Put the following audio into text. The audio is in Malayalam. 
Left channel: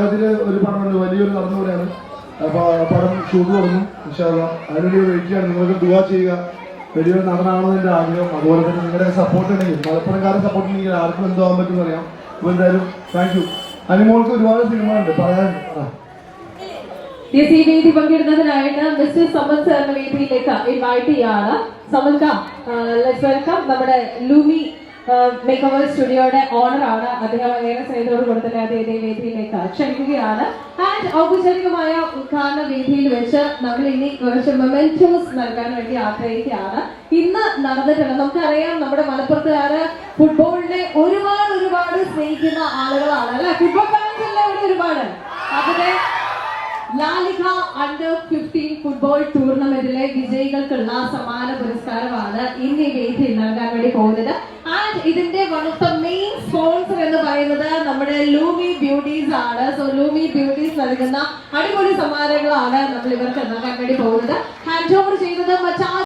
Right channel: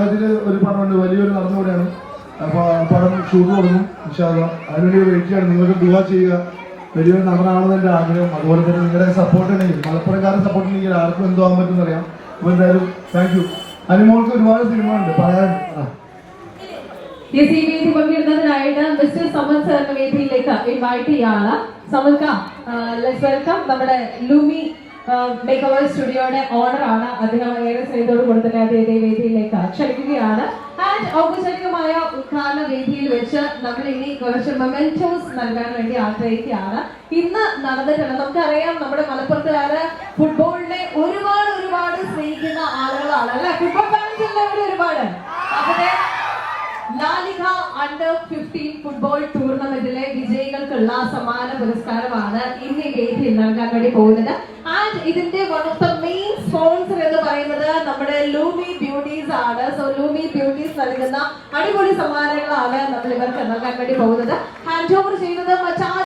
മലയാളത്തിൽ ഒരു പടമുണ്ട് വലിയൊരു നടന്നുകൂടെയാണ് പടം ഷൂട്ട് തുടങ്ങും വിശാല അതിനുവേണ്ടി വെയിറ്റ് നിങ്ങൾക്ക് ദുവാ ചെയ്യുക. വലിയൊരു നടനാണെന്ന് എന്റെ ആഗ്രഹം. അതുപോലെ തന്നെ നിങ്ങളുടെ സപ്പോർട്ട് തന്നെയും മലപ്പുറംകാരുടെ സപ്പോർട്ട് ചെയ്യുക ആർക്കും എന്താവാൻ പറ്റും അറിയാം. അപ്പോൾ എന്തായാലും താങ്ക് യു അനുമോൾക്ക് ഒരുപാട് സിനിമ ഉണ്ട്. വേദി പങ്കെടുക്കുന്നതിനായിട്ട് മിസ്റ്റർ ഇൻവൈറ്റ് ചെയ്യാണ് നമ്മുടെ ലൂമി മേക്ക് ഓവർ അദ്ദേഹം ഏറെ സ്നേഹത്തോട് കൊടുത്തിട്ടുണ്ട് അതേ വേദിയിലേക്ക് ക്ഷണിക്കുകയാണ്. ആൻഡ് ഔപചാരികമായ ഉദ്ഘാടന വേദിയിൽ വെച്ച് നമ്മൾ ഇനി കുറച്ച് മൊമെന്റോസ് നൽകാൻ വേണ്ടി ആഗ്രഹിക്കുകയാണ്. ഇന്ന് നടന്നിട്ടുള്ള നമുക്കറിയാം നമ്മുടെ മലപ്പുറത്തുകാര് ഫുട്ബോളിനെ ഒരുപാട് ഒരുപാട് സ്നേഹിക്കുന്ന ആളുകളാണ്. അല്ലെ? ഫുട്ബോൾ ഒരുപാട്. അതിനെ ലാലിക അണ്ടർ ഫിഫ്റ്റീൻ ഫുട്ബോൾ ടൂർണമെന്റിലെ വിജയികൾക്കുള്ള സമാന പുരസ്കാരമാണ് ഇന്ന് വേദിയിൽ നൽകാൻ വേണ്ടി പോകുന്നത്. സ്പോൺസർ എന്ന് പറയുന്നത് നമ്മുടെ ലൂമി ബ്യൂട്ടീസ് ആണ്. സോ ലൂമി ബ്യൂട്ടീസ് നൽകുന്ന അടിപൊളി സമ്മാനങ്ങളാണ് നമ്മൾ ഇവർക്ക് നൽകാൻ വേണ്ടി പോകുന്നത്. Hand over